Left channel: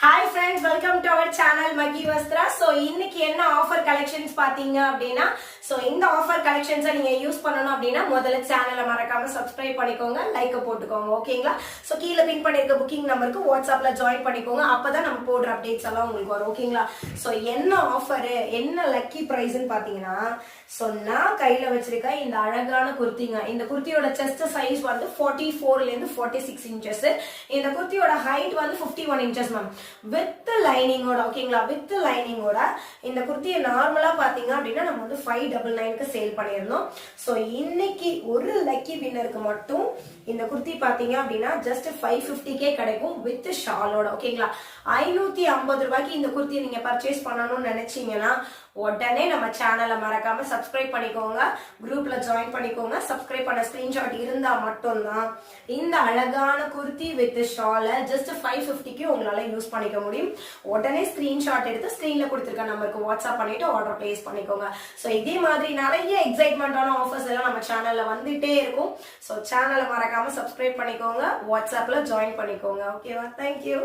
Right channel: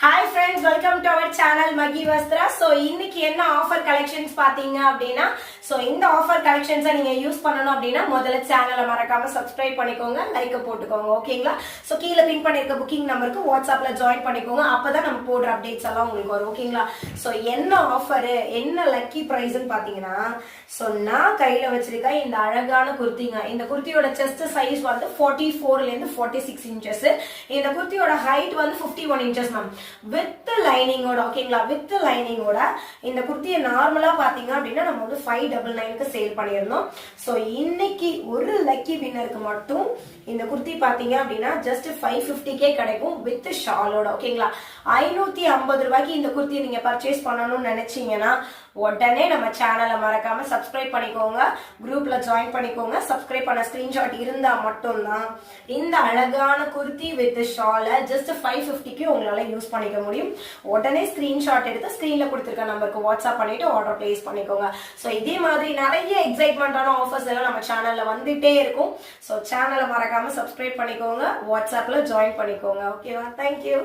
Hi friends, welcome to our channel Maggi Vastra. So இன்னைக்கு என்ன offer collections பாத்தீங்க அப்படின்னா இந்த ஆஃபர் கலெக்ஷன்ஸை நீங்க யூஸ் பண்ணனும் அப்படின்னா முதல்ல சேனலை மறக்காம சப்ஸ்கிரைப் பண்ணிக்கோங்க, லைக் போட்டுக்கோங்க. ஓகேங்களா? சோ கீழ பின் பண்ணிருக்க புக்கிங் நம்பருக்கு வாட்ஸ்அப்ல ஜாயின் பண்ணிக்கோங்க. அப்பதான் நம்ம போடுற அப்டேட்ஸ் எல்லாம் உங்களுக்கு வரும். ஓகேங்களா? சோ என்ன ஆஃபர், என்ன லக்கி பிரைஸ்னு பாத்தீங்கன்னா நான் கையில வச்சிருக்க இந்த அழகான குர்த்திங்க. இந்த குர்த்தியோட செஸ்ட் சைஸ் வந்து 44 ல இருந்து 46 இன்ச்சஸ். இந்த குர்த்தியோட ஹைட் வந்து 51 இன்ச்சஸ் மேம். வித் லைனிங்கோட. ஓகேங்களா? வித் லைனிங்கோட இந்த குர்த்தியை நார்மலா பாத்தீங்க அப்படின்னா நம்ம வந்து 599க்கு சேல் பண்ணிருந்தோம். சோ இன்னைக்கு ஒரு லக்கி வின்னருக்கு மட்டும் இந்த குர்த்தி பாத்தீங்க அப்படின்னா ஜஸ்ட் 550k கிடைக்கும் வித் ஷாலோட. ஓகேங்களா? 550 ரூபாய்க்கு இந்த குர்த்தியை நீங்க பர்ச்சேஸ் பண்ணணும்னு நினைச்சீங்கன்னா உடனே நம்ம சேனலை மறக்காம சப்ஸ்கிரைப் பண்ணிக்கோங்க, குரூப்ல ஜாயின் பண்ணிக்கோங்க. சப்ஸ்கிரைப் பண்ண ஸ்கிரீன்ஷாட் இருந்தா மட்டும்தான் இந்த அழகான குர்த்தி வித் ஷால ஜஸ்ட் 550க்கு உங்களால யூஸ் பண்ணிக்க முடியும். உடனே ஸ்கிரீன்ஷாட் எடுத்து ஸ்கிரீன்ல கொடுத்திருக்க நம்பருக்கு வாட்ஸ்அப் பண்ணிட்டு ஆர்டர் பிளேஸ் பண்ணிக்கோங்க. சோ இதே மாதிரி நிறைய எக்ஸைட்மெண்டான ஆஃபர்ஸ் எல்லாம் நம்ம சேனல்ல வந்துட்டே இருக்கும். சோ சேனலை மறக்காம சப்ஸ்கிரைப் பண்ணிக்கோங்க, வாட்ஸ்அப்ல ஜாயின் பண்ணிக்கோங்க. ஓகேவா? தேங்க்யூ.